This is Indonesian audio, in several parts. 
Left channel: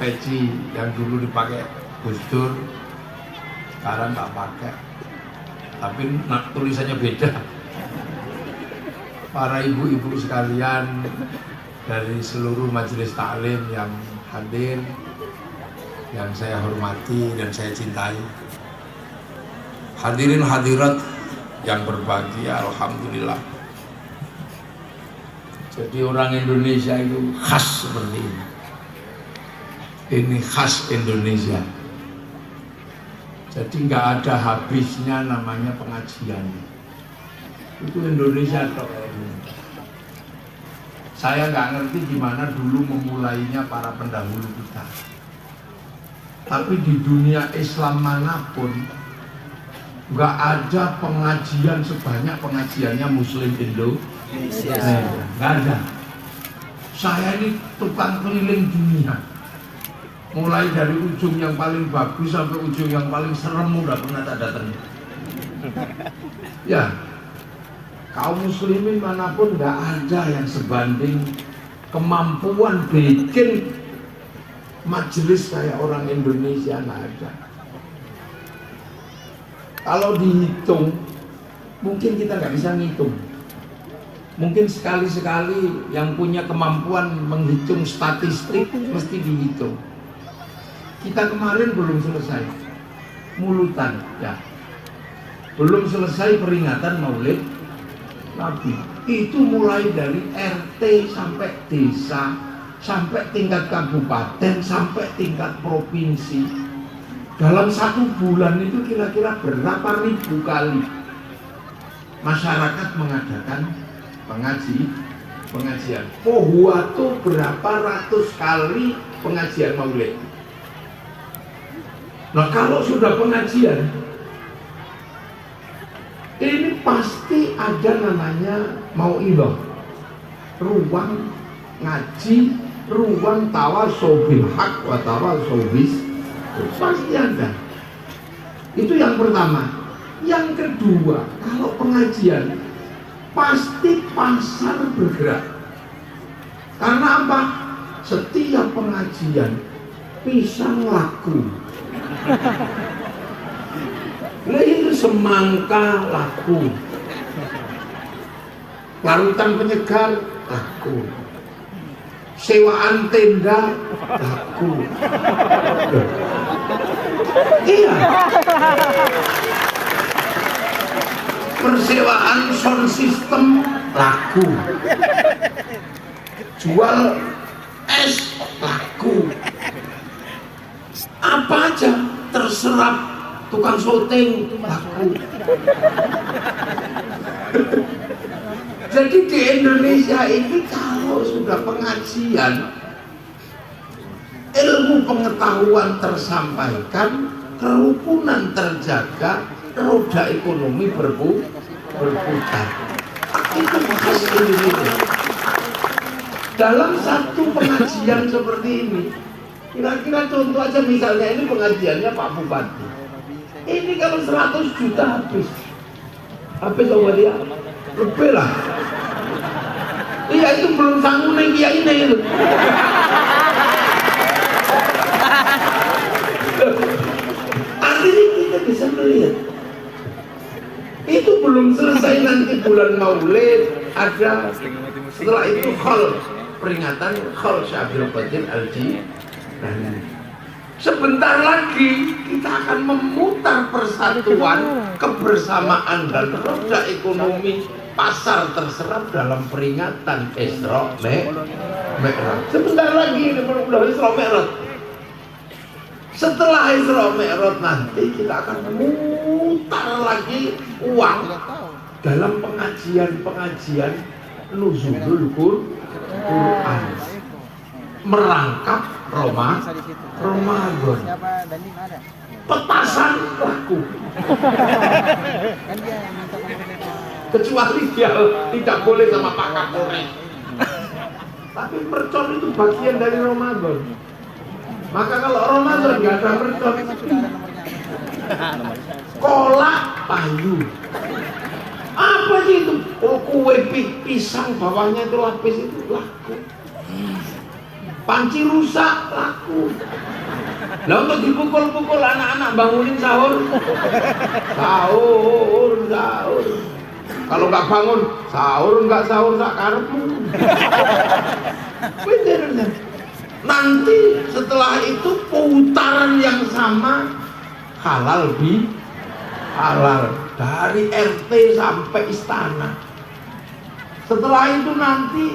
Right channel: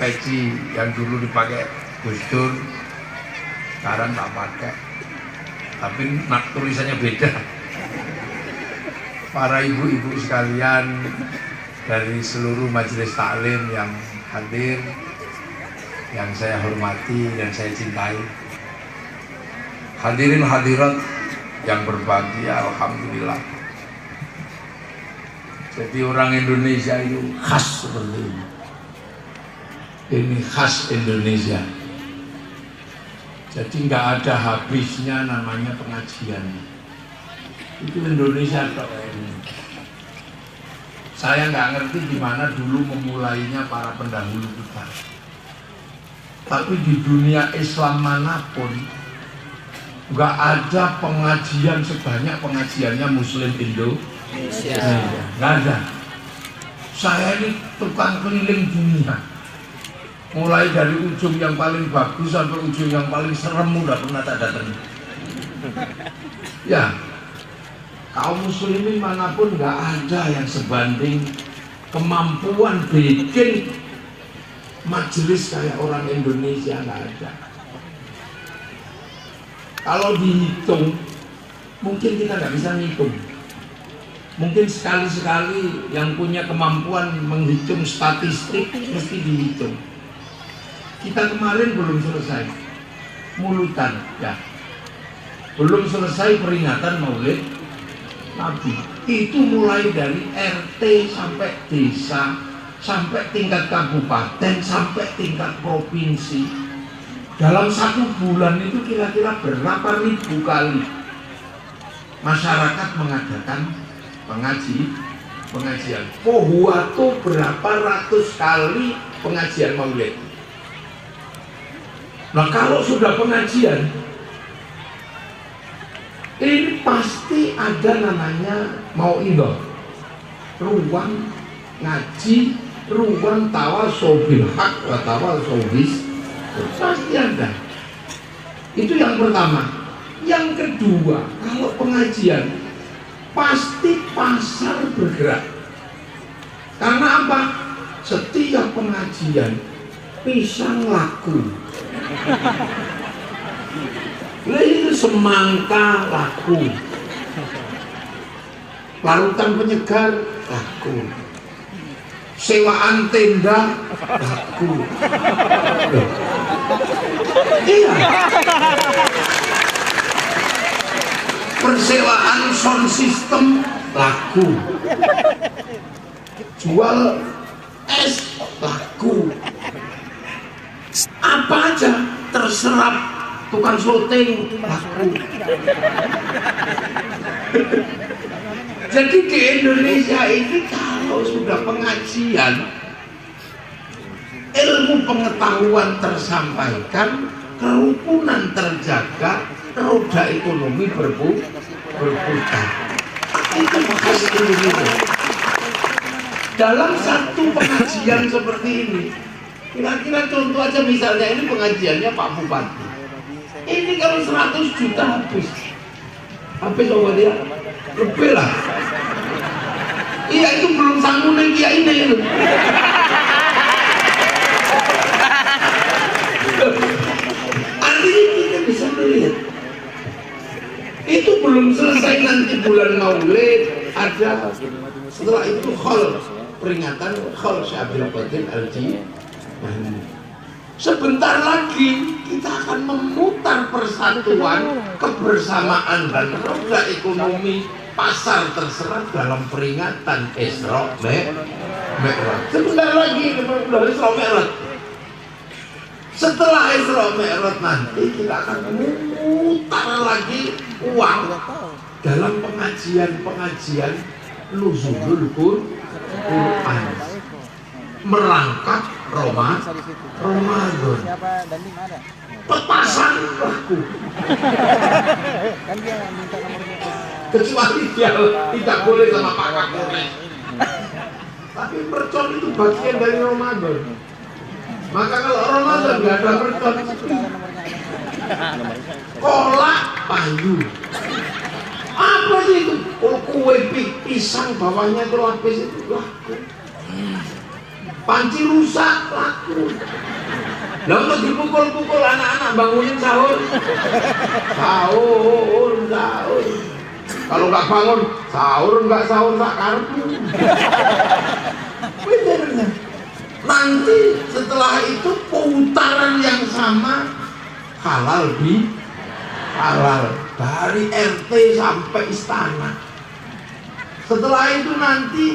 peci yang dulu dipakai Gus Dur, sekarang tak pakai. Tapi tulisannya beda. Para ibu-ibu sekalian dari seluruh majelis taklim yang hadir, yang saya hormati dan saya cintai, hadirin hadirat yang berbahagia, alhamdulillah. Jadi orang Indonesia itu khas seperti ini. Ini khas Indonesia. Jadi nggak ada habisnya namanya pengajian. Itu Indonesia tok ini. Saya nggak ngerti gimana dulu memulainya para pendahulu kita. Tapi di dunia Islam manapun nggak ada pengajian sebanyak pengajiannya Muslim Indonesia. Nggak ada. Saya ini tukang keliling dunia. Mulai dari ujung yang paling bagus sampai ujung yang paling serem udah pernah tak datang. Ya, kaum muslimin manapun nggak ada yang sebanding kemampuan bikin majelis kayak orang Indonesia, nggak ada. Kalau dihitung, mungkin kita nggak bisa ngitung. Mungkin sekali-sekali yang punya kemampuan menghitung statistik mesti dihitung. Kita kemarin belum selesai mulutan, ya. Belum selesai peringatan Maulid Nabi. Itu mulai dari RT sampai desa, sampai tingkat kabupaten, sampai tingkat provinsi. Dalam 1 bulan itu kira-kira berapa ribu kali masyarakat mengadakan pengajian. Pohuwato berapa ratus kali pengajian Maulid. Nah, kalau sudah pengajian, ini pasti ada namanya mau'idhah, ruang ngaji, ruang tawasau bil haq wa tawasau bis, pasti ada. Itu yang pertama. Yang kedua, kalau pengajian pasti pasar bergerak. Karena apa? Setiap pengajian pisang laku. Ini semangka laku, larutan penyegar laku, sewaan tenda laku. Iya, persewaan sound system laku, jual es laku. Apa aja terserap, tukang syuting laku. Jadi di Indonesia ini kalau sudah pengajian, ilmu pengetahuan tersampaikan, kerukunan terjaga, roda ekonomi berputar. Itu khas Indonesia. Dalam satu pengajian seperti ini, kira-kira contoh aja, misalnya ini pengajiannya Pak Bupati. Ini kalau 100 juta habis sama dia, lebih lah. Iya, itu belum sanggup dia ini. Hari ini kita bisa melihat. Itu belum selesai, nanti bulan Maulid ada. Setelah itu peringatan Khol Syekh Abdul Qadir Al-Jilani. Sebentar lagi kita akan memutar persatuan, kebersamaan dan roda ekonomi pasar terserap dalam peringatan Isra Mi'raj. Sebentar lagi dari Isra Mi'raj. Setelah Isra Mi'raj nanti kita akan memutar lagi uang dalam pengajian nuzulul Quran, merangkap Ramadan. Petasan laku. Kecuali dia tidak boleh sama Pak Kapolres. Tapi mercon itu bagian dari Ramadan. Maka kalau Ramadan nggak ada mercon, kolak payu. Apa sih itu? Oh, kue pisang bawahnya itu lapis itu laku. Panci rusak, laku. Lah untuk dipukul-pukul anak-anak bangunin sahur. Sahur. Kalau nggak bangun, sahur nggak sahur tak kartu. Bener. Nanti setelah itu putaran yang sama halal dari RT sampai istana. Setelah itu nanti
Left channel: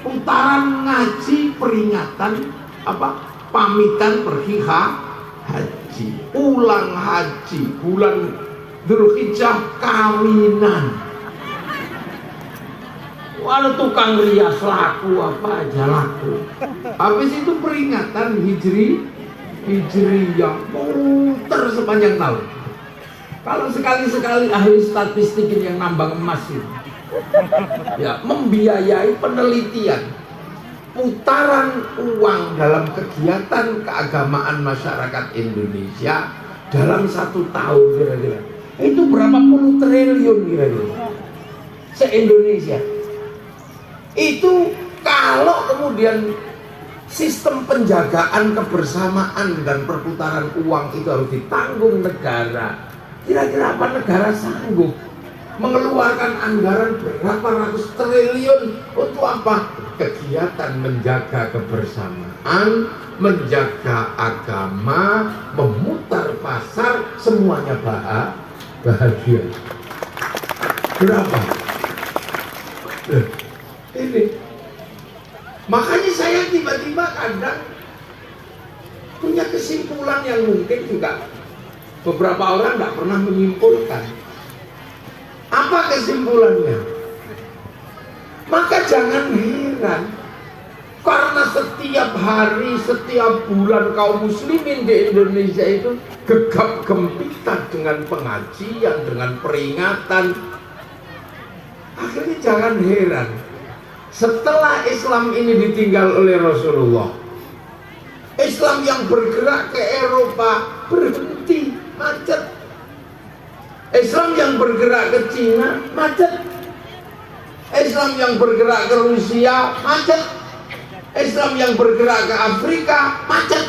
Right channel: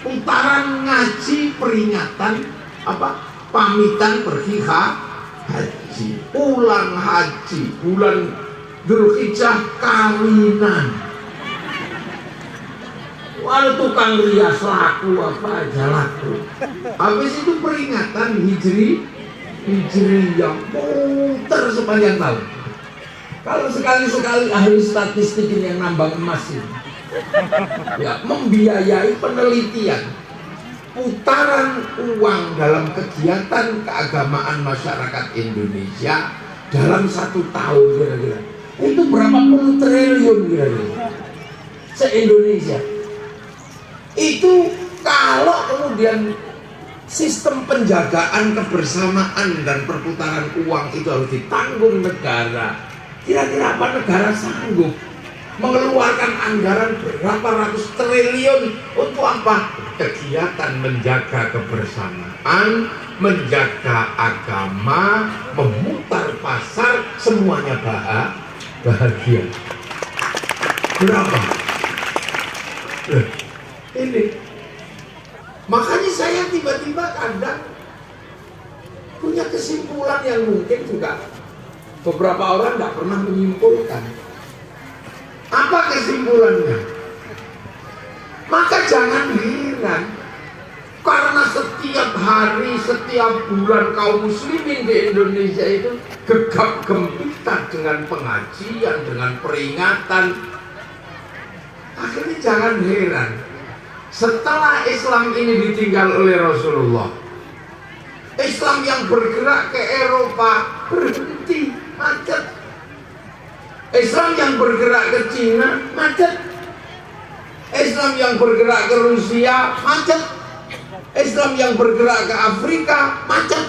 putaran ngaji peringatan pamitan pergi haji, pulang haji, bulan Dzulhijjah kawinan. Walau tukang rias laku apa aja laku. Habis itu peringatan hijri yang putar sepanjang tahun. Kalau sekali-sekali ahli statistik yang nambang emas ini, ya, membiayai penelitian putaran uang dalam kegiatan keagamaan masyarakat Indonesia dalam 1 tahun kira-kira itu berapa puluh triliun kira-kira se-Indonesia. Itu kalau kemudian sistem penjagaan kebersamaan dan perputaran uang itu harus ditanggung negara, kira-kira apa negara sanggup mengeluarkan anggaran berapa ratus triliun untuk apa? Kegiatan menjaga kebersamaan, menjaga agama, memutar pasar, semuanya bahagia. Berapa? Ini. Makanya saya tiba-tiba kadang punya kesimpulan yang mungkin juga beberapa orang nggak pernah menyimpulkan. Apa kesimpulannya? Maka jangan heran karena setiap hari, setiap bulan kaum muslimin di Indonesia itu gegap gempita dengan pengajian, dengan peringatan. Akhirnya jangan heran setelah Islam ini ditinggal oleh Rasulullah, Islam yang bergerak ke Eropa berhenti, macet. Islam yang bergerak ke Cina macet. Islam yang bergerak ke Rusia macet. Islam yang bergerak ke Afrika macet.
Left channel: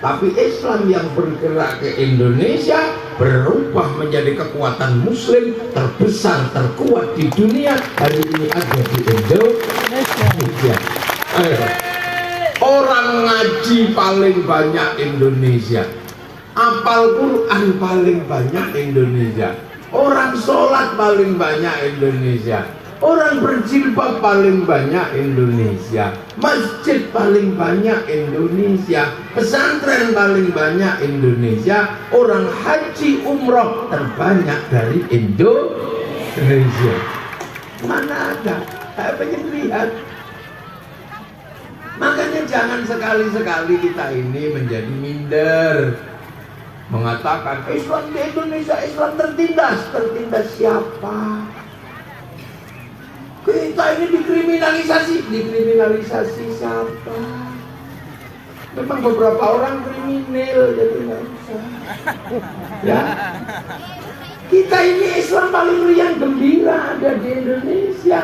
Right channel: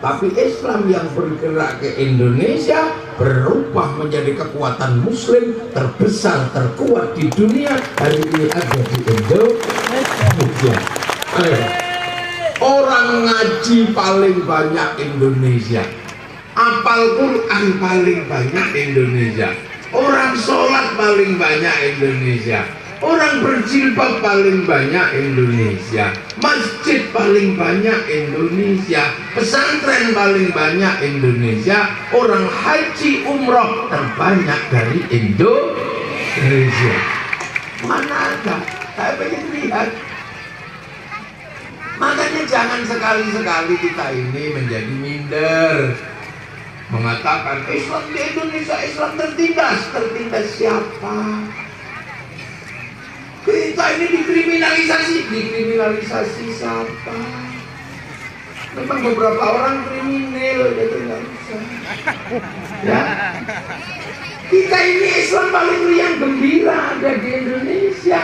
Tapi Islam yang bergerak ke Indonesia berubah menjadi kekuatan muslim terbesar, terkuat di dunia. Hari ini ada di Indonesia. Orang ngaji paling banyak Indonesia, apal Quran paling banyak Indonesia, orang sholat paling banyak Indonesia, orang berjilbab paling banyak Indonesia, masjid paling banyak Indonesia, pesantren paling banyak Indonesia, orang haji umroh terbanyak dari Indonesia. Mana ada? Saya pengen lihat. Makanya jangan sekali-sekali kita ini menjadi minder, mengatakan Islam di Indonesia Islam tertindas. Tertindas siapa? Kita ini dikriminalisasi siapa? Memang beberapa orang kriminal gitu, ya. Kita ini Islam paling riang gembira ada di Indonesia.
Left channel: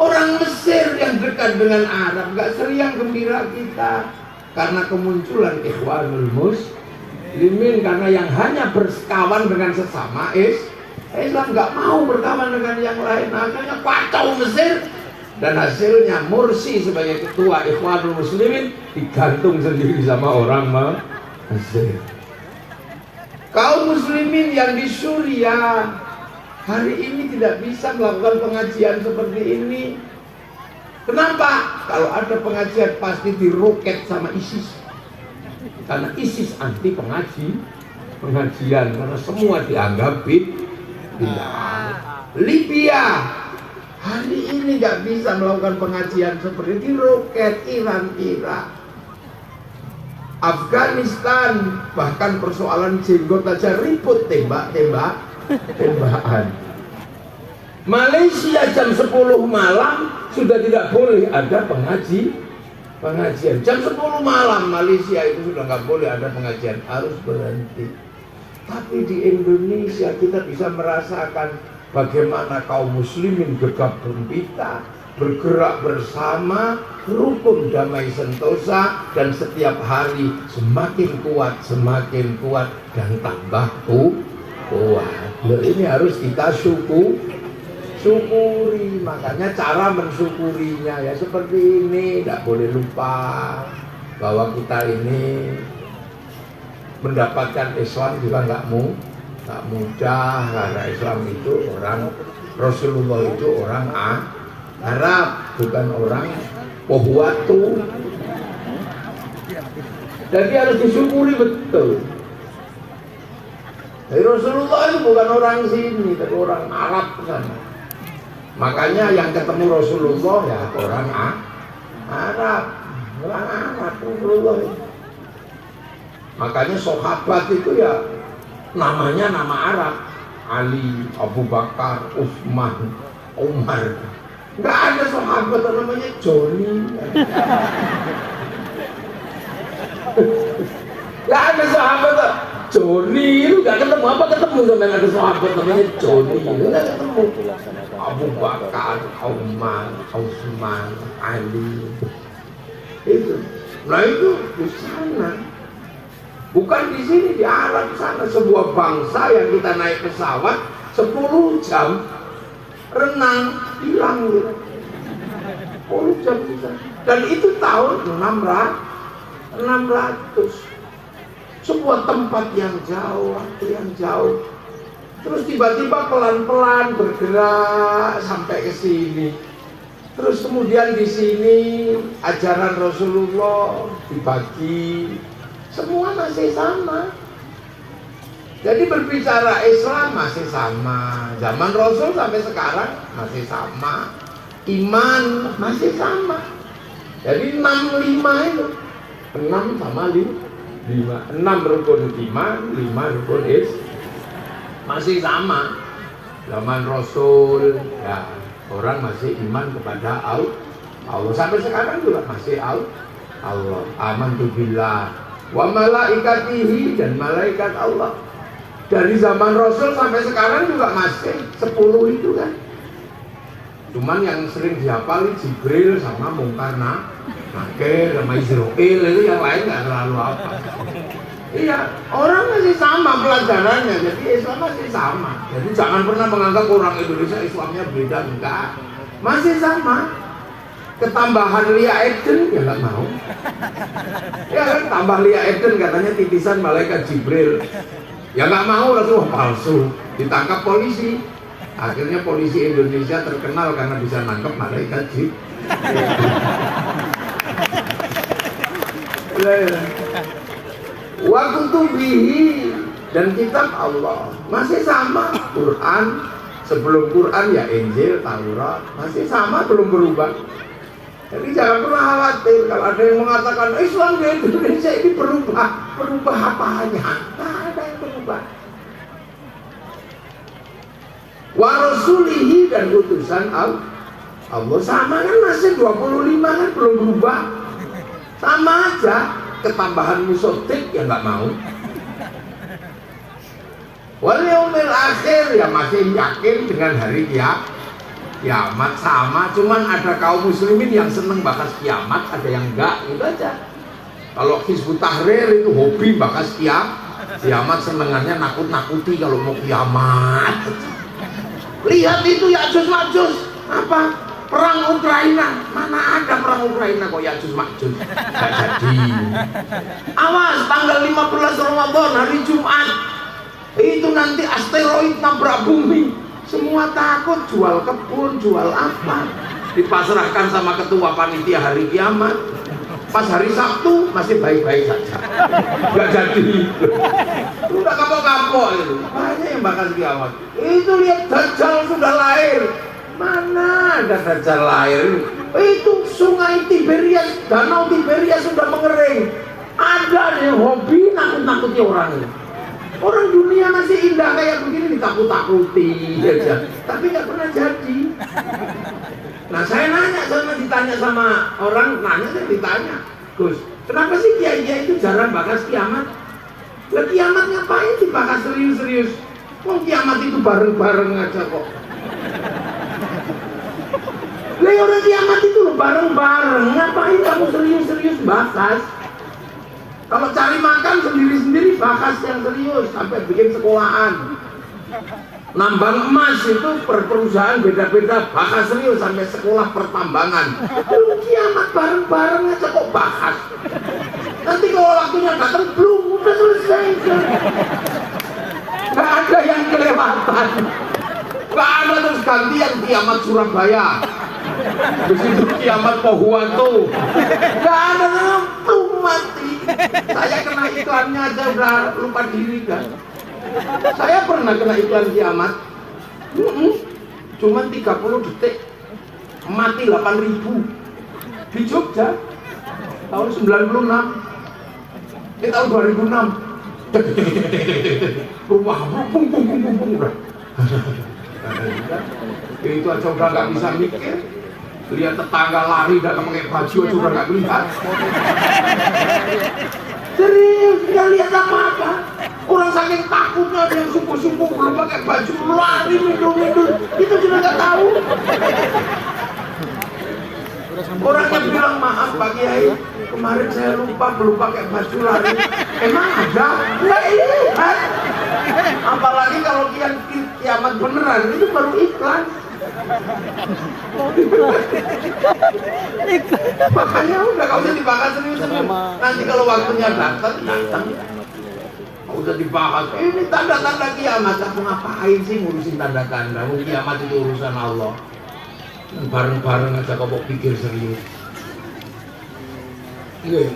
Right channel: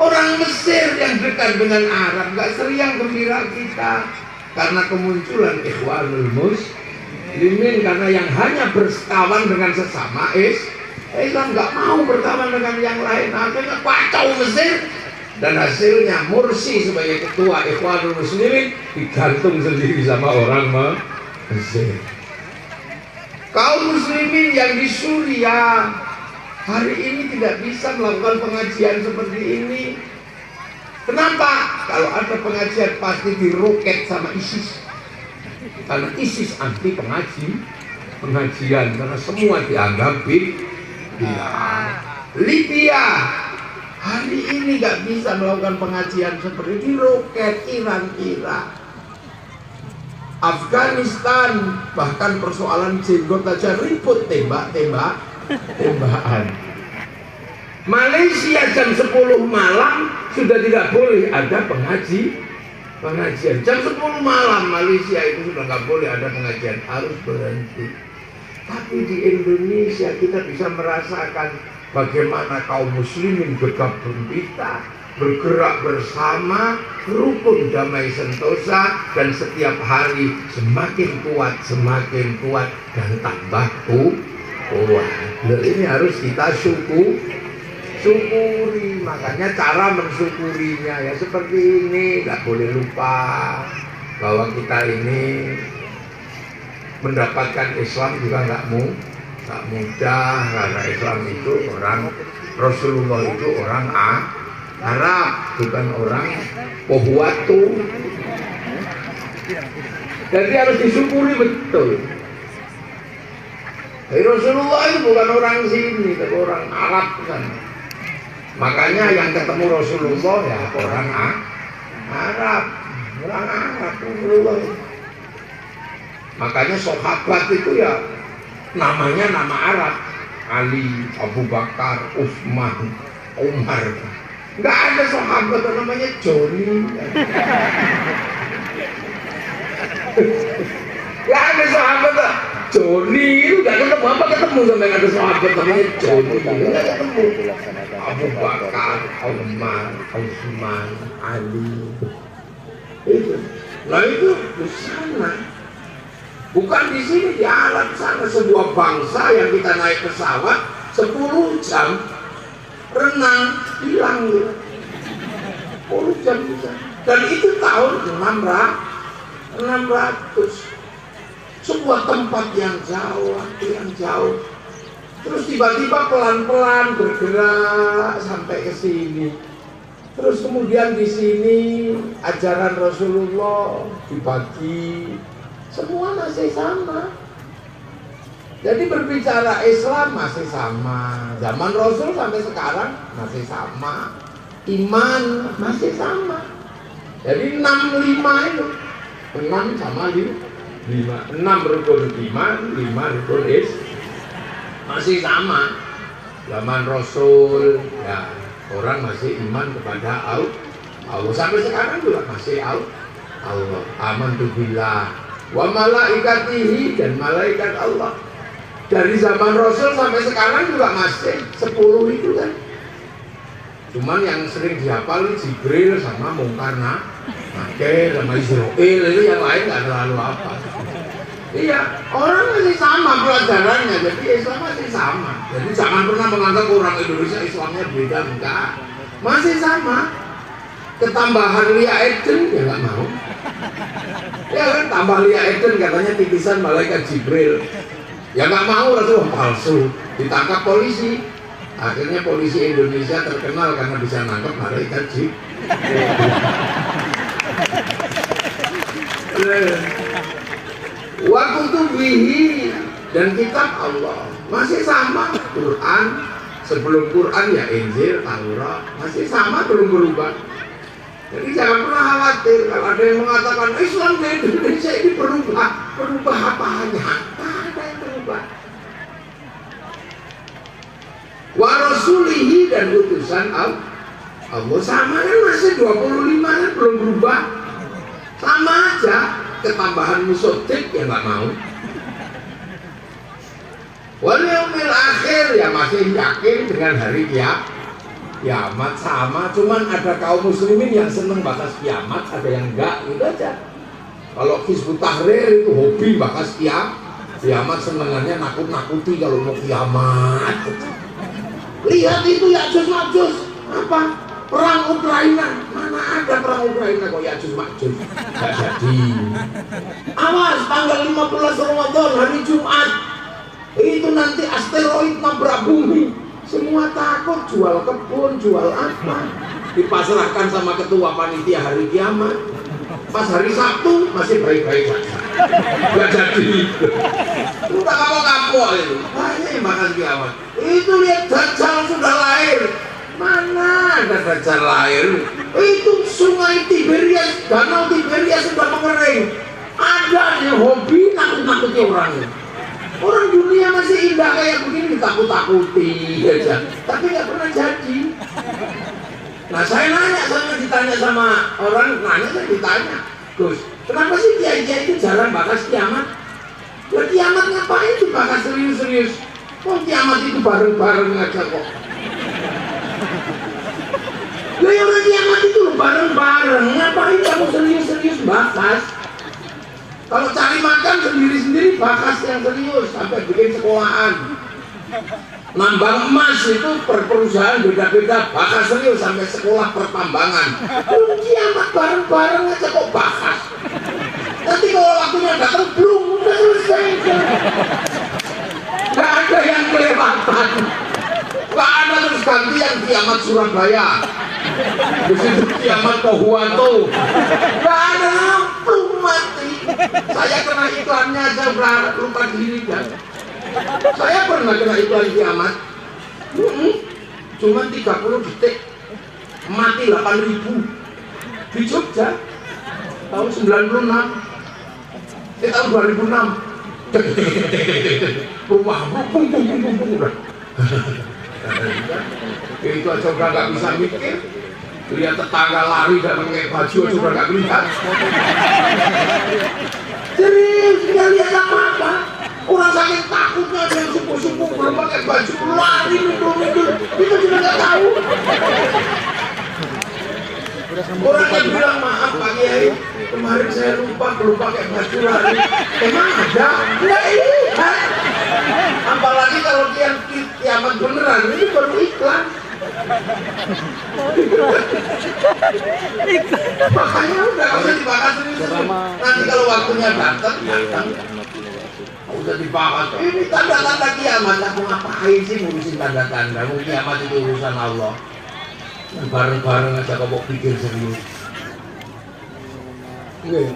Orang Mesir yang dekat dengan Arab gak seriang gembira kita karena kemunculan Ikhwanul Muslimin, karena yang hanya berkawan dengan sesama Islam gak mau berkawan dengan yang lain. Akhirnya kacau Mesir, dan hasilnya Mursi sebagai ketua Ikhwanul Muslimin digantung sendiri sama orang Mesir. Kaum muslimin yang di Suriah hari ini tidak bisa melakukan pengajian seperti ini. Kenapa? Kalau ada pengajian pasti diroket sama ISIS. Karena ISIS anti pengajian, karena semua dianggap Libya hari ini nggak bisa melakukan pengajian seperti diroket. Iran, Afghanistan, bahkan persoalan jenggot aja ribut, tembakan. Malaysia jam 10 malam sudah tidak boleh ada pengajian. Jam 10 malam Malaysia itu sudah nggak boleh ada pengajian, harus berhenti. Tapi di Indonesia kita bisa merasakan bagaimana kaum muslimin gegap gempita bergerak bersama, rukun damai sentosa, dan setiap hari semakin kuat dan tambah kuat. Loh, ini harus kita syukuri. Makanya cara mensyukurinya ya seperti ini. Nggak boleh lupa bahwa kita ini mendapatkan Islam juga nggak mudah, karena Islam itu Rasulullah itu orang Arab, bukan orang Pohuatu. Jadi harus disyukuri betul. Rasulullah itu bukan orang sini, tapi orang Arab kan. Makanya yang ketemu Rasulullah ya orang Arab, Rasulullah. Makanya sahabat itu ya namanya nama Arab. Ali, Abu Bakar, Utsman, Umar. Nggak ada sahabat yang namanya Joni. Nggak ada sahabat Joni itu nggak ketemu. Apa ketemu sama yang ada sahabat namanya Joni? Nggak ketemu. Abu Bakar, Umar, Utsman, Ali. Itu. Nah itu di sana. Bukan di sini, di alam sana. Sebuah bangsa yang kita naik pesawat 10 jam renang hilang gitu. 10 jam bisa. Dan itu tahun 600. Sebuah tempat yang jauh. Terus tiba-tiba pelan-pelan bergerak sampai ke sini. Terus kemudian di sini ajaran Rasulullah dibagi. Semua masih sama. Jadi berbicara Islam masih sama. Zaman Rasul sampai sekarang masih sama. Iman masih sama. Jadi 65 itu. 6 sama 5. 6 rukun iman, 5 rukun Islam. Masih sama. Zaman Rasul ya orang masih iman kepada Allah. Sampai sekarang juga masih Allah. Amantu billah wa malaikatihi, dan malaikat Allah. Dari zaman Rasul sampai sekarang juga masih 10 itu kan. Cuman yang sering dihafal Jibril sama Mungkar Nakir sama Israil, itu yang lain nggak terlalu apa. Iya, orang masih sama pelajarannya, jadi Islam masih sama. Jadi jangan pernah menganggap orang Indonesia Islamnya beda, enggak. Masih sama. Ketambahan Lia Eden ya nggak mau. Ya kan, tambah Lia Eden katanya titisan malaikat Jibril. Ya nggak mau, Rasul palsu. Ditangkap polisi. Akhirnya polisi Indonesia terkenal karena bisa nangkep malaikat Jibril. Waktu tubihi, dan kitab Allah masih sama. Quran, sebelum Quran ya Injil, Taurat, masih sama, belum berubah. Jadi jangan pernah khawatir kalau ada yang mengatakan Islam di Indonesia ini berubah apanya? Tak ada yang berubah. Wa rasulihi, dan utusan Allah sama kan, masih 25 kan, belum berubah. Sama aja. Ketambahan musotik ya nggak mau. Wal yaumil akhir ya masih yakin dengan hari kiamat sama. Cuman ada kaum muslimin yang seneng bahas kiamat, ada yang enggak, itu aja. Kalau Hizbut Tahrir itu hobi bahas kiamat, senengannya nakut-nakuti kalau mau kiamat. Lihat itu Ya'juj Ma'juj, apa? Perang Ukraina. Mana ada perang Ukraina kok Ya'juj Ma'juj? Gak jadi. Awas, tanggal 15 Ramadan hari Jumat, itu nanti asteroid nabrak bumi. Semua takut, jual kebun, jual apa, dipasrahkan sama ketua panitia hari kiamat. Pas hari Sabtu masih baik-baik saja, gak jadi. Udah kapok-kapok itu. Banyak yang bakal kiamat. Itu lihat Dajjal sudah lahir. Mana ada Dajjal lahir? Itu sungai Tiberias, danau Tiberias sudah mengering. Ada yang hobi nakut-nakuti orang ini. Orang dunia masih indah kayak begini ditakut-takuti aja, tapi nggak pernah jadi. Nah saya ditanya sama orang, saya ditanya, Gus, kenapa sih kiai-kiai itu jarang bahas kiamat? Ya kiamat ngapain dibahas serius-serius? Kok kiamat itu bareng-bareng aja kok? Lah ya orang kiamat itu loh bareng-bareng. Ngapain kamu serius-serius bahas? Kalau cari makan sendiri-sendiri bahas yang serius sampai bikin sekolahan. Nambang emas itu per perusahaan beda-beda, bahas serius sampai sekolah pertambangan. Belum kiamat bareng-bareng aja kok bahas. Nanti kalau waktunya datang belum udah selesai. Gak ada yang kelewatan. Gak ada terus gantian kiamat Surabaya. Begitu kiamat Pohuanto. Gak ada, belum mati. Saya kena iklannya aja udah lupa diri kan. Saya pernah kena iklan kiamat. Cuman 30 detik mati 8.000 di Jogja tahun 96. Tahun 2006. Rumah bung. Itu aja udah nggak bisa mikir. Lihat tetangga lari dan pakai baju aja udah nggak melihat. Serius, nggak lihat apa-apa. Orang saking takutnya ada yang subuh-subuh belum pakai baju lari mikul-mikul. Itu juga nggak tahu. Orang yang bilang maaf Pak Kiai, kemarin saya lupa belum pakai baju lari. Emang ada? Nggak lihat. Apalagi kalau kiamat beneran, itu baru iklan. Makanya udah nggak usah dibahas serius. Nanti kalau waktunya datang. Udah dibahas. Ini tanda-tanda kiamat. Aku ngapain sih ngurusin tanda-tanda? Kiamat itu urusan Allah. Bareng-bareng aja kau pikir serius.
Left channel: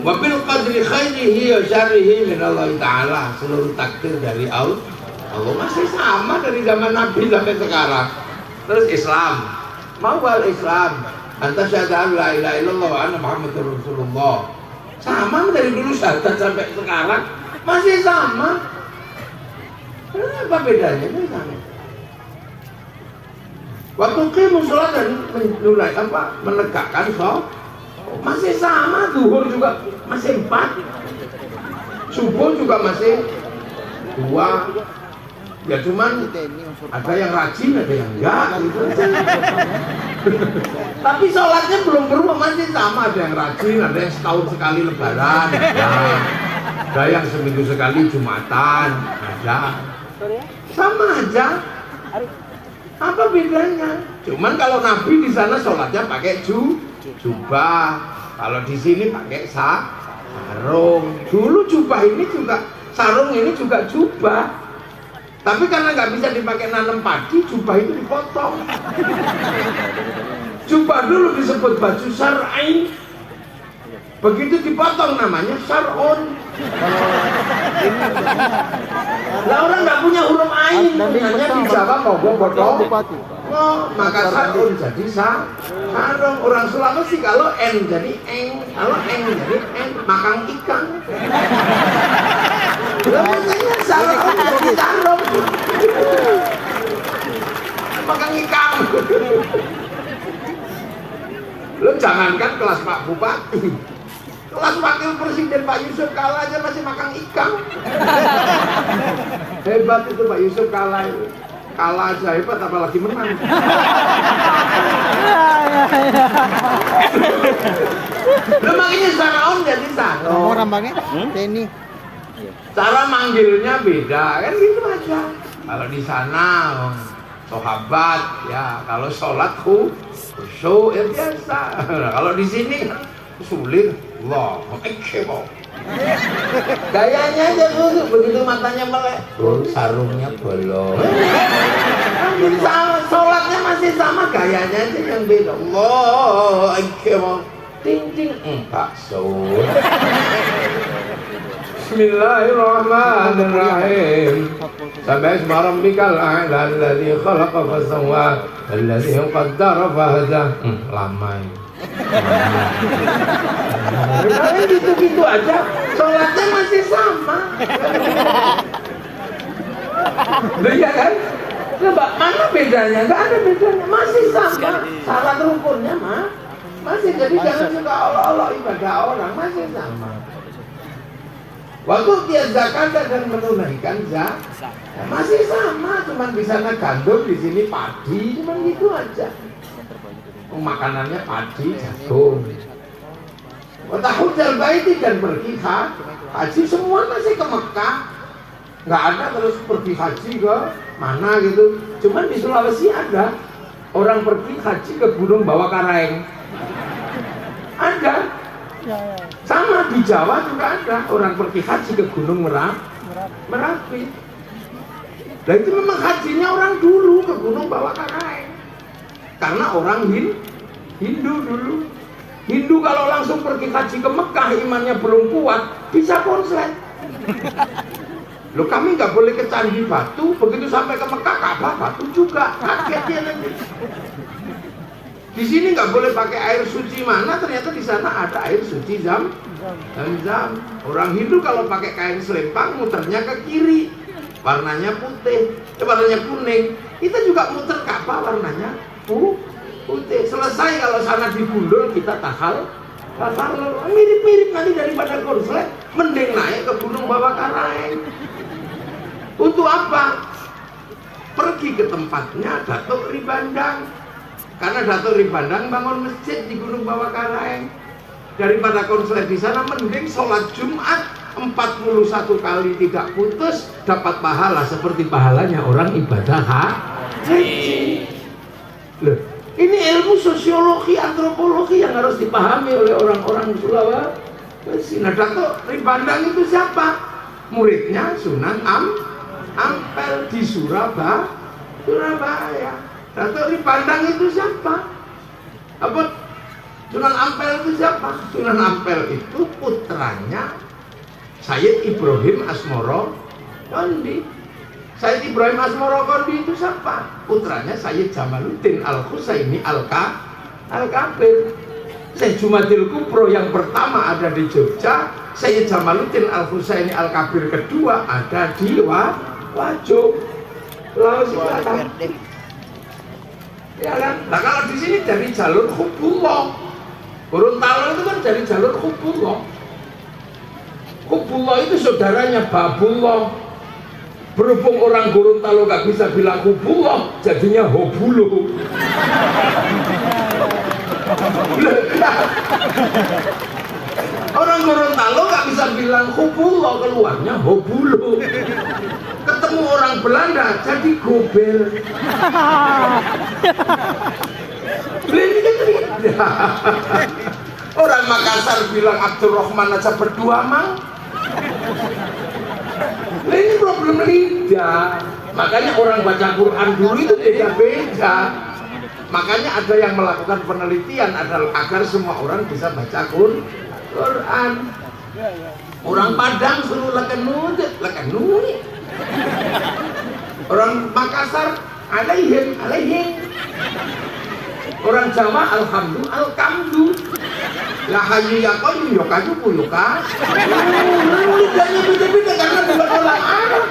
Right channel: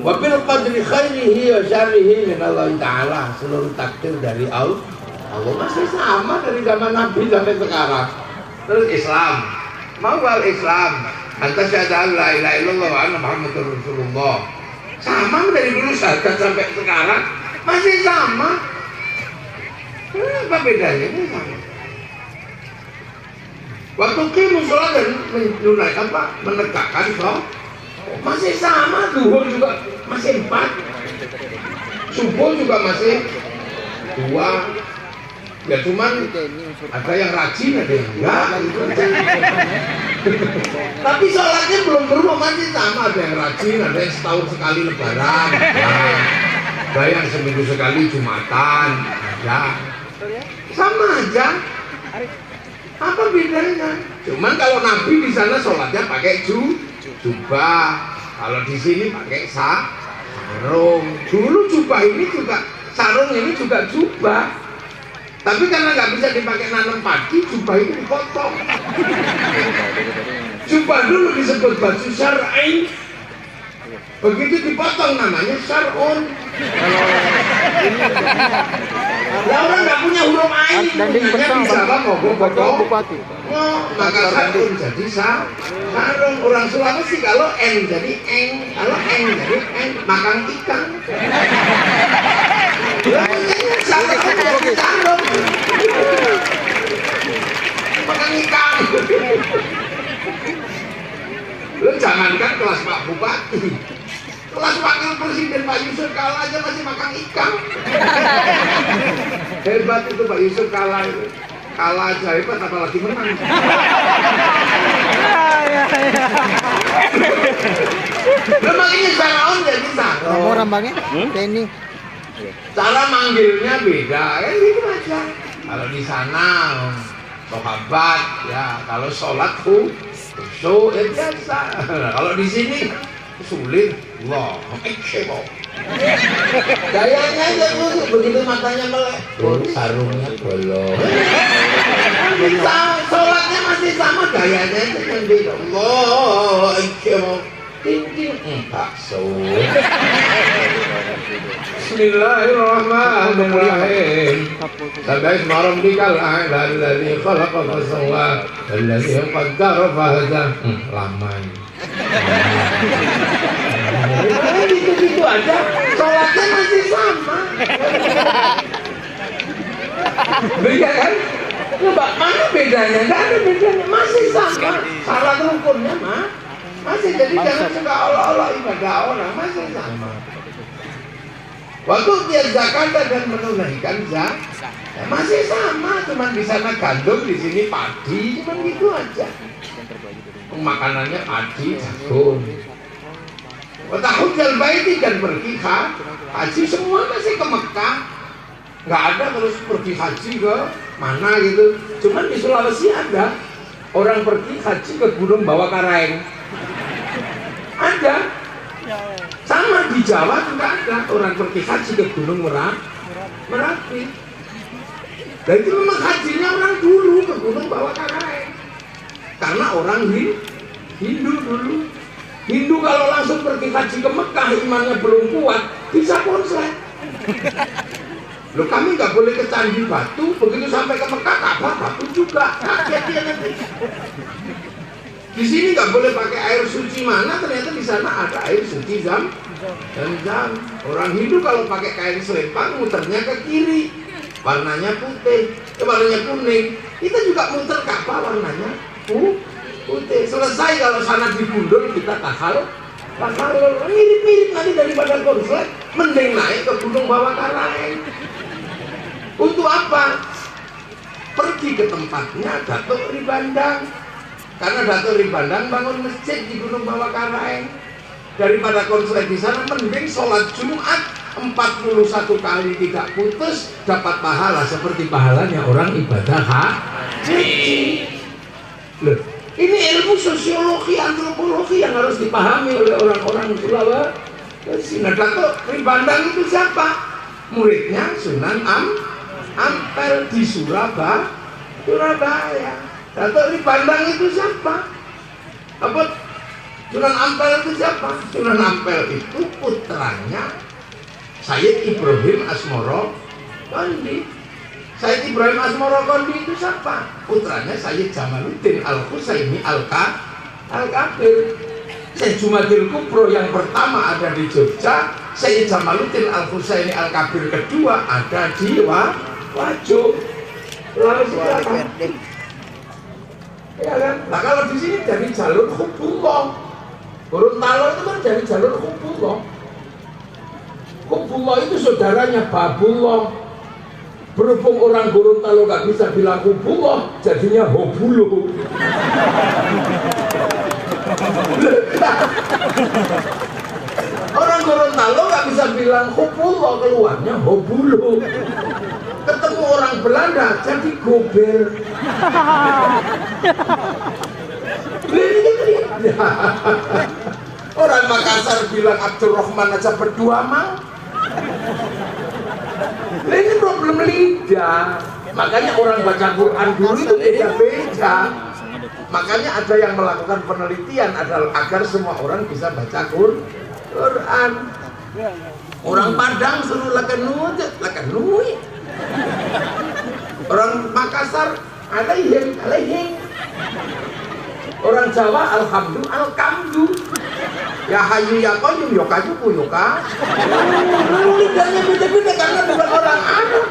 Wabil qadri khairihi wa syarrihi min Allah Ta'ala. Seluruh takdir dari Allah masih sama dari zaman Nabi sampai sekarang. Terus Islam, mawal Islam, antas syahadu la ilaha illallah wa anna Muhammadur Rasulullah. Sama dari dulu sampai sekarang masih sama. Apa bedanya? Ini sama. Waktu kita sholat dan menunai apa? Menegakkan sholat masih sama. Zuhur juga masih 4. Subuh juga masih 2. Ya cuman ada yang rajin, ada yang enggak. Tapi sholatnya belum berubah, masih sama. Ada yang rajin, ada yang setahun sekali lebaran, ada yang seminggu sekali Jumatan, ada. Sama aja. Apa bedanya? Cuman kalau Nabi di sana sholatnya pakai jubah, kalau di sini pakai sarung. Dulu jubah ini juga, sarung ini juga jubah. Tapi karena nggak bisa dipakai nanam padi, jubah itu dipotong. Jubah dulu disebut baju syar'i. Begitu dipotong namanya syar'un. Lah orang nggak punya huruf ain, hanya bisa apa mau potong. Maka syar'un jadi sarung. Orang Sulawesi kalau en jadi eng, kalau eng jadi en, makan ikan. Sarung. Makan ikan. Lo jangankan kelas Pak Bupati, kelas Wakil Presiden Pak Yusuf Kala aja masih makan ikan. Hebat itu Pak Yusuf Kala itu. Kala aja hebat, apalagi menang. Memang ini sarung jadi sarung. Mau rambangnya? Ini. Cara manggilnya beda, kan gitu aja. Kalau di sana sahabat ya, kalau sholat khusyuk biasa. Kalau di sini sulit, Allah, kebo. Gayanya aja khusyuk, begitu matanya melek, sarungnya bolong. Sholatnya masih sama, gayanya aja yang beda. Allah, kebo. Ting bakso. Bismillahirrahmanirrahim. Sampai semalam dikal alladzi khalaqa fasawwa alladzi qaddara fahada. Lama ini. Gitu-gitu aja. Sholatnya masih sama. Beda kan? Coba mana bedanya? Nggak ada bedanya. Masih sama. Syarat rukunnya masih. Jadi jangan suka Allah ibadah orang, masih sama. Waktu dia zakat dan menunaikan zakat masih sama, cuman di sana gandum, di sini padi, cuman gitu aja. Makanannya padi, jagung. Tahujal baiti dan pergi haji, semua masih ke Mekah. Nggak ada terus pergi haji ke mana gitu. Cuman di Sulawesi ada orang pergi haji ke Gunung Bawah Karaeng. Ada. Sama di Jawa juga ada orang pergi haji ke Gunung Merapi. Dan itu memang hajinya orang dulu ke Gunung Bawah Karaeng. Karena orang Hindu dulu. Hindu kalau langsung pergi haji ke Mekah, imannya belum kuat, bisa konslet. Loh, kami nggak boleh ke Candi Batu, begitu sampai ke Mekah, Ka'bah batu juga. Hati-hati nanti. Di sini nggak boleh pakai air suci mana, ternyata di sana ada air suci Zam. Orang Hindu kalau pakai kain selempang, muternya ke kiri, warnanya putih, warnanya kuning. Kita juga muter Ka'bah warnanya putih. Selesai kalau sana digundul kita takal mirip-mirip nanti daripada konslet, mending naik ke Gunung Bawah Karaeng. Untuk apa? Pergi ke tempatnya Datuk Ribandang. Karena Datuk Ribandang bangun masjid di Gunung Bawah Karaeng. Daripada konslet di sana, mending sholat Jumat 41 kali tidak putus, dapat pahala seperti pahalanya orang ibadah haji. Loh, ini ilmu sosiologi, antropologi yang harus dipahami oleh orang-orang Sulawesi. Nah, Datuk Ribandang itu siapa? Muridnya Sunan Ampel di Surabaya. Datuk Ribandang itu siapa? Sunan Ampel itu siapa? Sunan Ampel itu putranya Sayyid Ibrahim Asmoro Kondi. Sayyid Ibrahim Asmoro Kondi itu siapa? Putranya Sayyid Jamaluddin Al-Husaini Al-Kabir. Sayyid Jumadil Kubro yang pertama ada di Jogja, Sayyid Jamaluddin Al-Husaini Al-Kabir kedua ada di Wajo. Ya kan? Nah, kalau di sini dari jalur Hubullah. Gorontalo itu kan dari jalur Hubullah. Hubullah itu saudaranya Babullah. Berhubung orang Gorontalo gak bisa bilang Hubullah, jadinya Hobulo. Orang Gorontalo gak bisa bilang Hubullah, keluarnya Hobulo. Ketemu orang Belanda jadi Gober. Orang Makassar bilang Abdurrahman aja berdua mah. Ini problem lidah. Makanya orang baca Quran dulu itu beda-beda. Makanya ada yang melakukan penelitian agar semua orang bisa baca Quran. Orang Padang suruh lakenut. Orang Makassar alaihim. Orang Jawa alhamdulillah. Ya hayu ya qayyum ya kajuku ya ka. Lidahnya beda-beda karena bukan orang Arab.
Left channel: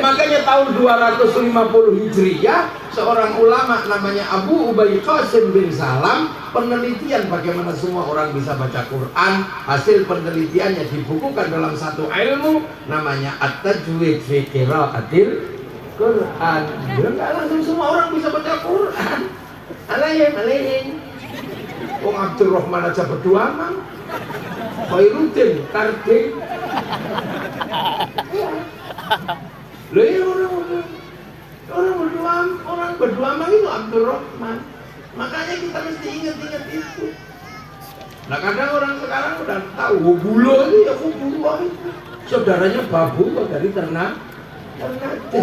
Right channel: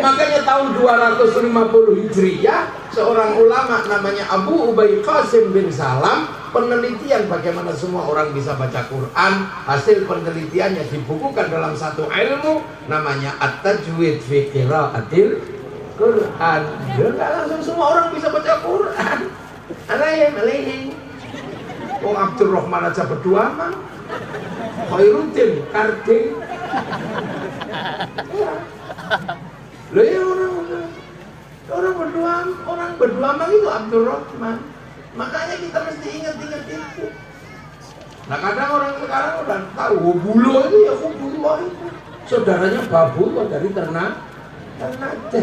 Makanya tahun 250 Hijriah seorang ulama namanya Abu Ubay Qasim bin Salam penelitian bagaimana semua orang bisa baca Quran. Hasil penelitiannya dibukukan dalam satu ilmu namanya At-Tajwid fi Qiraatil Quran. Enggak langsung semua orang bisa baca Quran. Alaihim. Wong Abdurrahman aja berdua man. Khairuddin Karding. Loh ya orang berdua man itu Abdurrahman. Makanya kita mesti ingat itu. Nah kadang orang sekarang udah tahu Hobulo itu ya Hobulo itu. Saudaranya Babullah dari Ternate.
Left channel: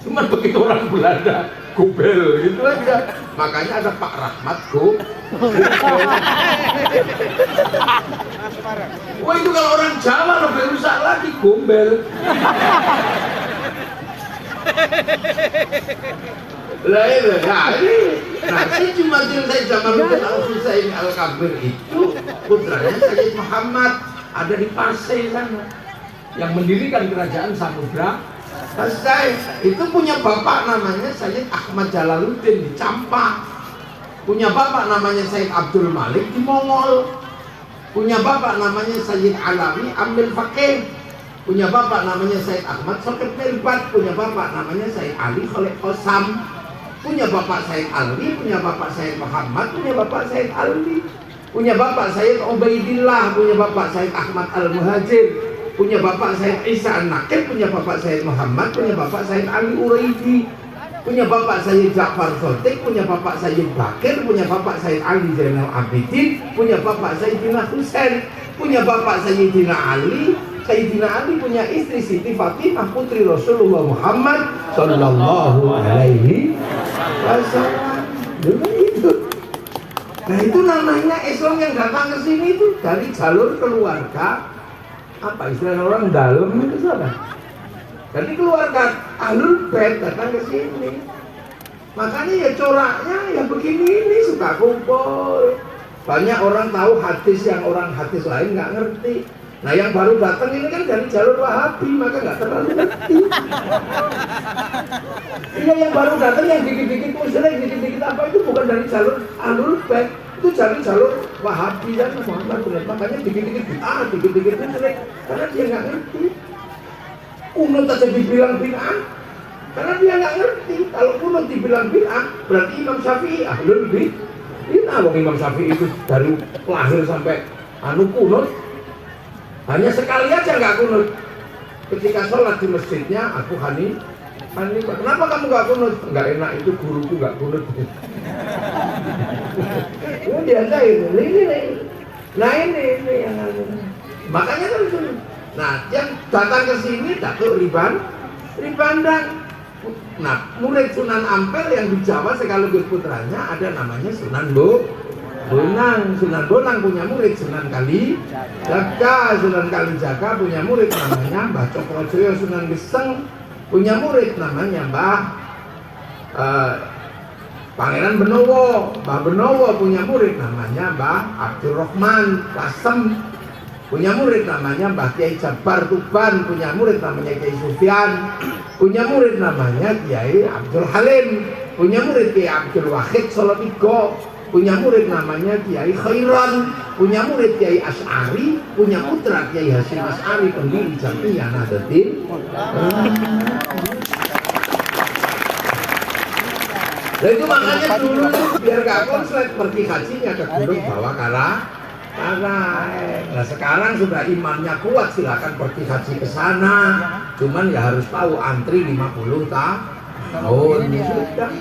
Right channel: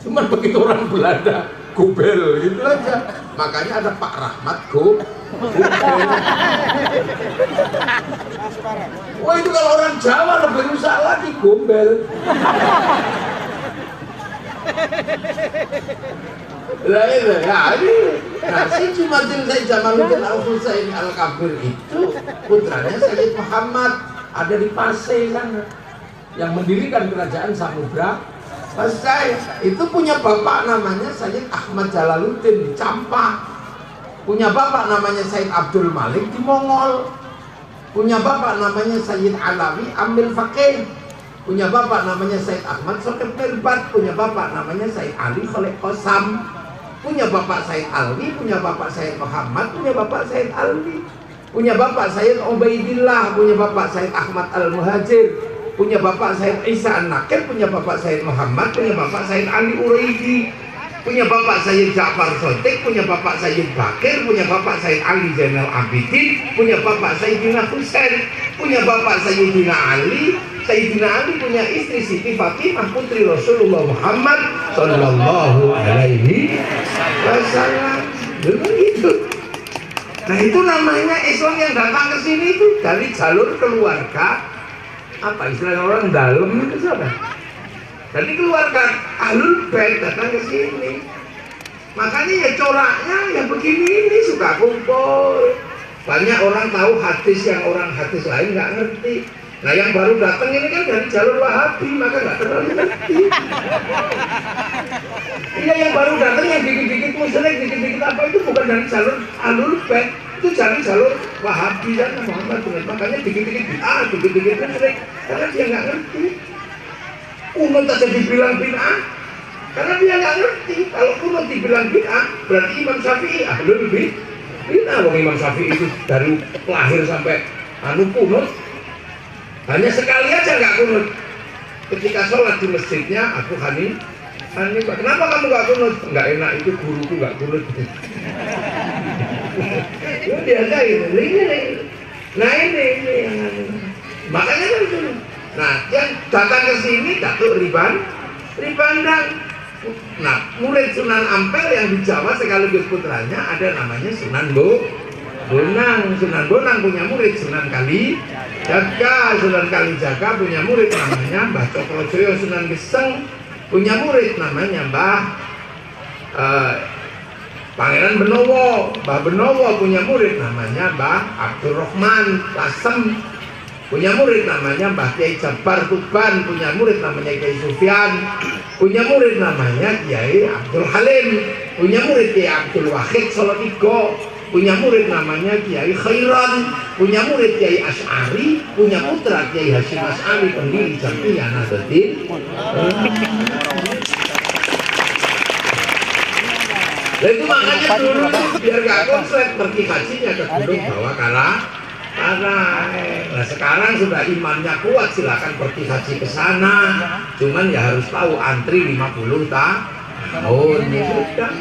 Cuman begitu orang Belanda Gobel gitu aja. Makanya ada Pak Rahmat Gobel. Wah itu kalau orang Jawa lebih rusak lagi Gombel. Lah itu ya ini. Nah si Jumadil Sayyid Jamaluddin Al-Husaini Al-Kabir itu putranya Sayyid Muhammad ada di Pasai sana yang mendirikan kerajaan Samudra. Selesai, itu punya bapak namanya Sayyid Ahmad Jalaluddin di Campak. Punya bapak namanya Sayyid Abdul Malik di Mongol. Punya bapak namanya Sayyid Alawi Ambil Fakih. punya bapak namanya Said Ahmad Shokir Mirbat, punya bapak namanya Said Ali Khalid Qasam, punya bapak Said Ali, punya bapak Said Muhammad, punya bapak Said Ali, punya bapak Said Ubaidillah, punya bapak Said Ahmad Al-Muhajir, punya bapak Said Isa An-Nakib, punya bapak Said Muhammad, punya bapak Said Ali Uraidi, punya bapak Sayyid Ja'far Sotik, punya bapak Sayyid Bakir, punya bapak Sayyid Ali Zainal Abidin, punya bapak Sayyidina Husain, punya bapak Sayyidina Ali. Sayyidina Ali punya istri Siti Fatimah putri Rasulullah Muhammad Sallallahu Alaihi Wasallam. Dulu itu. Nah itu namanya Islam yang datang ke sini itu dari jalur keluarga. Apa istilah orang dalam itu siapa? Dari keluarga Ahlul Bait datang ke sini. Makanya ya coraknya ya begini ini suka kumpul. Banyak orang tahu hadis yang orang hadis lain nggak ngerti. Nah yang baru datang ini kan dari jalur Wahabi, maka nggak terlalu ngerti. Iya yang baru datang yang dikit-dikit musyrik, dikit-dikit apa itu bukan dari jalur Ahlul Bait, itu jalur Wahabi dan Muhammad. Makanya dikit-dikit bid'ah, dikit-dikit musyrik, karena dia nggak ngerti. Kunut aja dibilang bid'ah, karena dia nggak ngerti. Kalau kunut dibilang bid'ah, berarti Imam Syafi'i Ahlul Bid'ah. Wong Imam Syafi'i itu dari lahir sampai kunut. Hanya sekali aja nggak kunut. Ketika sholat di masjidnya, aku Hanifah, kenapa kamu nggak kunut? Nggak enak, itu guruku nggak kunut. Itu biasa ini. Nah ini yang makanya kan itu. Nah yang datang ke sini Datuk Ribandang. Nah murid Sunan Ampel yang di Jawa sekaligus putranya ada namanya Sunan Bonang. Sunan Bonang punya murid Sunan Kalijaga. Sunan Kalijaga punya murid namanya Mbah Cokrojoyo. Sunan Geseng punya murid namanya Mbah Pangeran Benowo. Mbah Benowo punya murid namanya Mbah Abdurrahman Kasem. Punya murid namanya Mbah Kiai Jabar Tuban. Punya murid namanya Kiai Sufyan. Punya murid namanya Kiai Abdul Halim. Punya murid Kiai Abdul Wahid Solotigo. Punya murid namanya Kiai Khairan, punya murid Kiai Asy'ari, punya putra Kiai Hasyim Asy'ari, pendiri Jam'iyah Nahdlatul. Itu makanya dulu biar gak konslet pergi hajinya ke gunung bawa karena nah sekarang sudah imannya kuat silakan pergi haji ke sana. Cuman ya harus tahu antri 50 tahun ya sudah.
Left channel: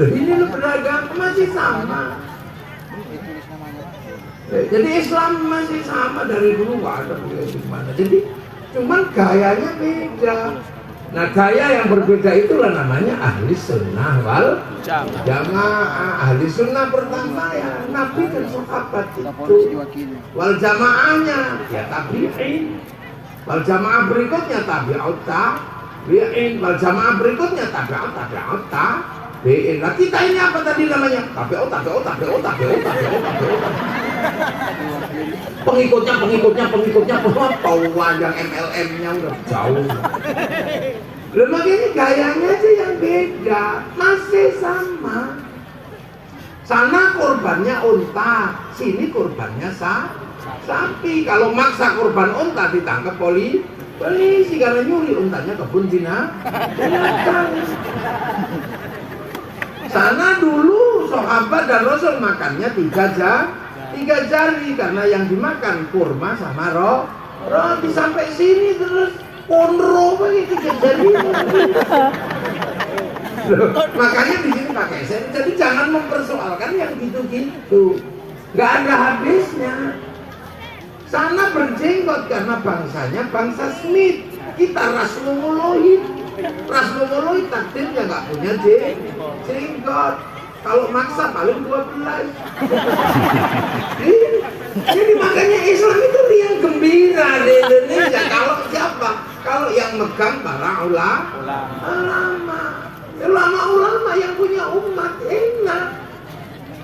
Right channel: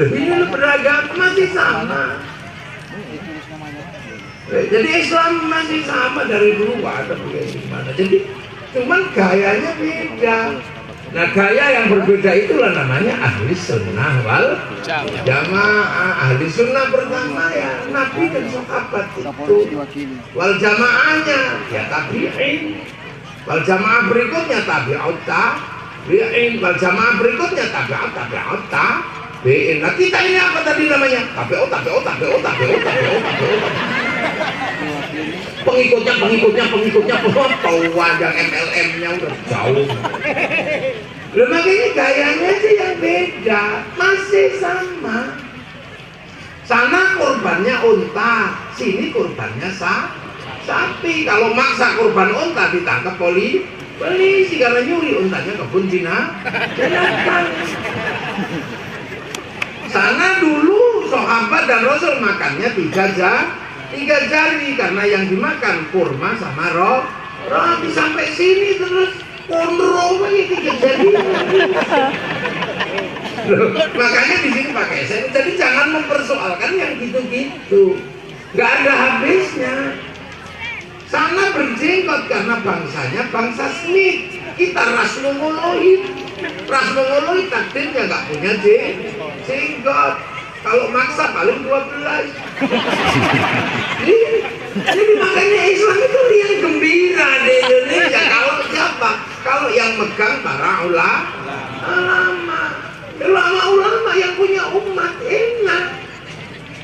Ini beragama masih sama. Jadi Islam masih sama dari dulu nggak ada gimana. Jadi cuman gayanya beda. Nah gaya yang berbeda itulah namanya ahli sunnah wal jamaah. Ahli sunnah pertama ya Nabi dan sahabat itu. Wal jamaahnya ya tabi'in. Wal jamaah berikutnya tabi'ut tabi'in. Wal jamaah berikutnya tabi'ut tabi'in. Nah kita ini apa tadi namanya? Tabi'ut. Pengikutnya Tua yang MLM-nya udah jauh. Lemang ini gayanya sih yang beda, masih sama. Sana korbannya unta, sini korbannya sapi. Kalau maksa korban unta ditangkap polisi karena nyuri untanya kebun binatang. Sana dulu sahabat dan Rasul makannya 3 jari karena yang dimakan kurma sama roti. Sampai sini terus konro begitu 3 jari. Makanya di sini pakai sen. Jadi jangan mempersoalkan yang gitu-gitu. Nggak ada habisnya. Sana berjenggot karena bangsanya bangsa Smith. Kita ras Mongoloid. Ras Mongoloid takdirnya nggak punya jenggot. Kalau maksa paling 12. Jadi makanya Islam itu lihat gembira di Indonesia. Kalau siapa? Kalau yang megang para ulama yang punya umat enak.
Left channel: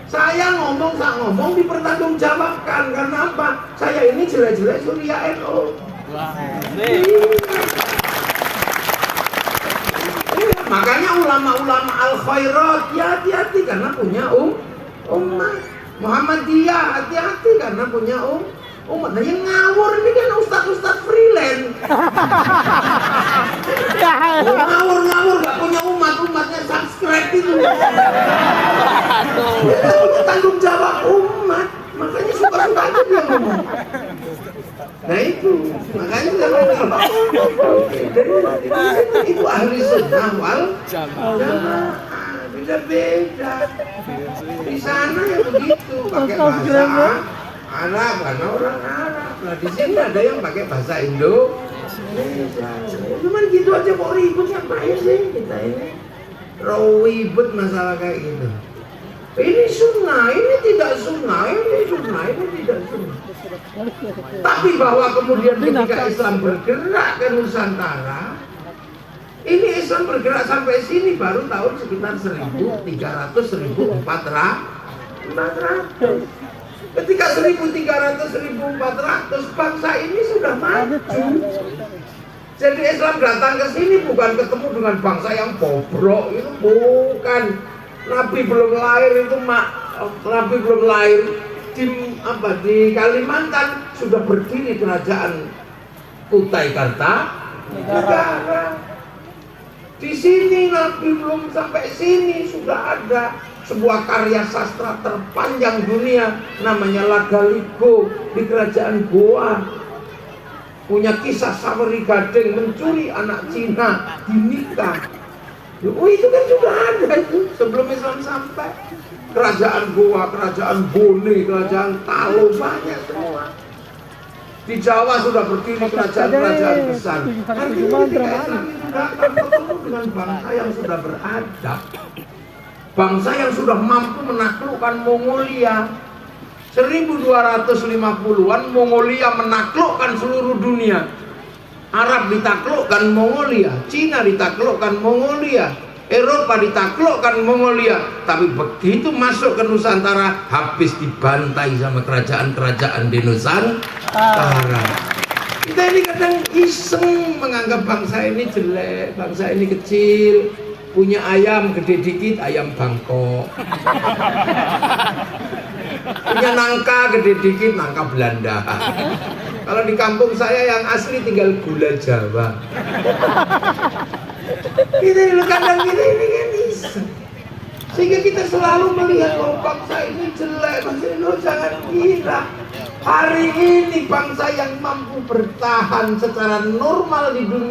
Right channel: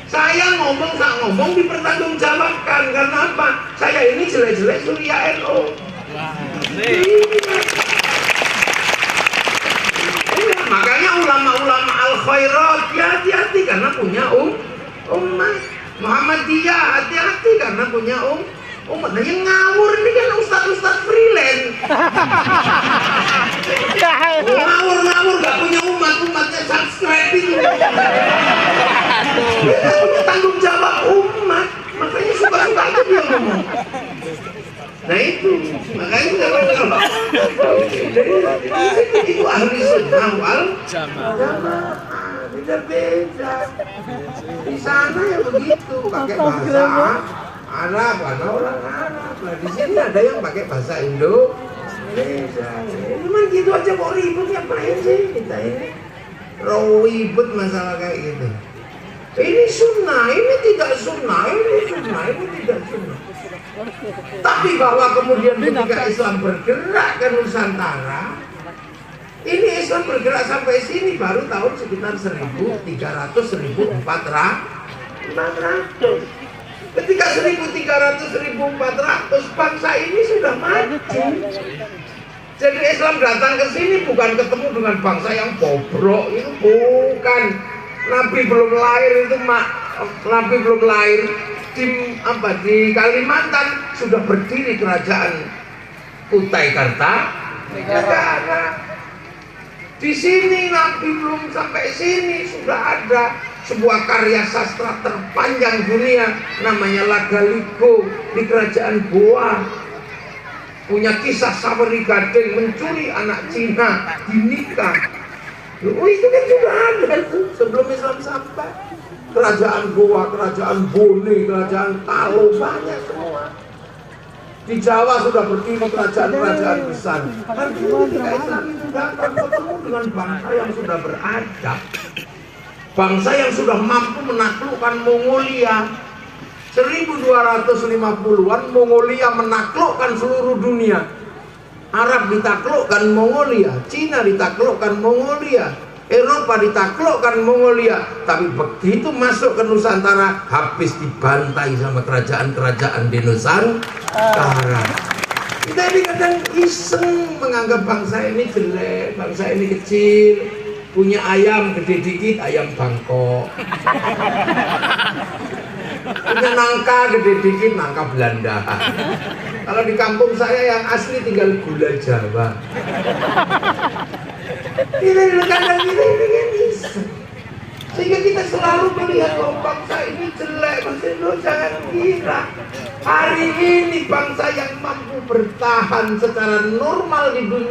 Saya ngomong dipertanggungjawabkan. Karena apa? Saya ini jelek-jelek Surya NU. Makanya ulama-ulama al-khairat hati-hati karena punya umat. Muhammadiyah hati-hati karena punya Umat yang ngawur ini kan ustaz-ustaz freelance. Ngawur gak punya umatnya subscribe ini. Dia punya tanggung jawab umat, makanya suka-suka aja dia ngomong. Nah itu, makanya kalau itu ahli sunnah wal jamaah, beda-beda. Di sana ya begitu, pakai bahasa Arab, karena orang Arab. Nah di sini ada yang pakai bahasa Indo. Cuman gitu aja kok ribut, ngapain sih kita ini? Ribut masalah kayak gitu. Ini sunnah, ini tidak sunnah, ini sunnah, ini tidak sunnah. Tapi bahwa kemudian ketika Islam bergerak ke Nusantara, ini Islam bergerak sampai sini baru tahun sekitar 1300-1400. Ketika 1300-1400 bangsa ini sudah maju. Jadi Islam datang ke sini bukan ketemu dengan bangsa yang bobrok, itu bukan. Nabi belum lahir itu Nabi belum lahir di Kalimantan sudah berdiri kerajaan Kutai Kartanegara. Di sini Nabi belum sampai sini sudah ada sebuah karya sastra terpanjang dunia namanya Lagaliko di kerajaan Goa. Punya kisah Saweri Gading mencuri anak Cina dinikah. Oh itu kan juga ada tuh sebelum Islam sampai. Kerajaan Goa, kerajaan Bone, kerajaan Talo, banyak semua. Di Jawa sudah berdiri kerajaan-kerajaan besar. Tapi ketika Islam itu datang ketemu dengan bangsa yang sudah beradab, bangsa yang sudah mampu menaklukkan Mongolia. 1250-an Mongolia menaklukkan seluruh dunia. Arab ditaklukkan Mongolia, Cina ditaklukkan Mongolia, Eropa ditaklukkan Mongolia. Tapi begitu masuk ke Nusantara, habis dibantai sama kerajaan-kerajaan di Nusantara. Kita ini kadang iseng menganggap bangsa ini jelek, bangsa ini kecil, punya ayam gede dikit, ayam Bangkok. Punya nangka gede dikit, nangka Belanda. Kalau di kampung saya yang asli tinggal gula Jawa. Kita kadang ini kan iseng. Sehingga kita selalu melihat bahwa bangsa ini jelek. Bangsa ini jangan kira hari ini bangsa yang mampu bertahan secara normal di dunia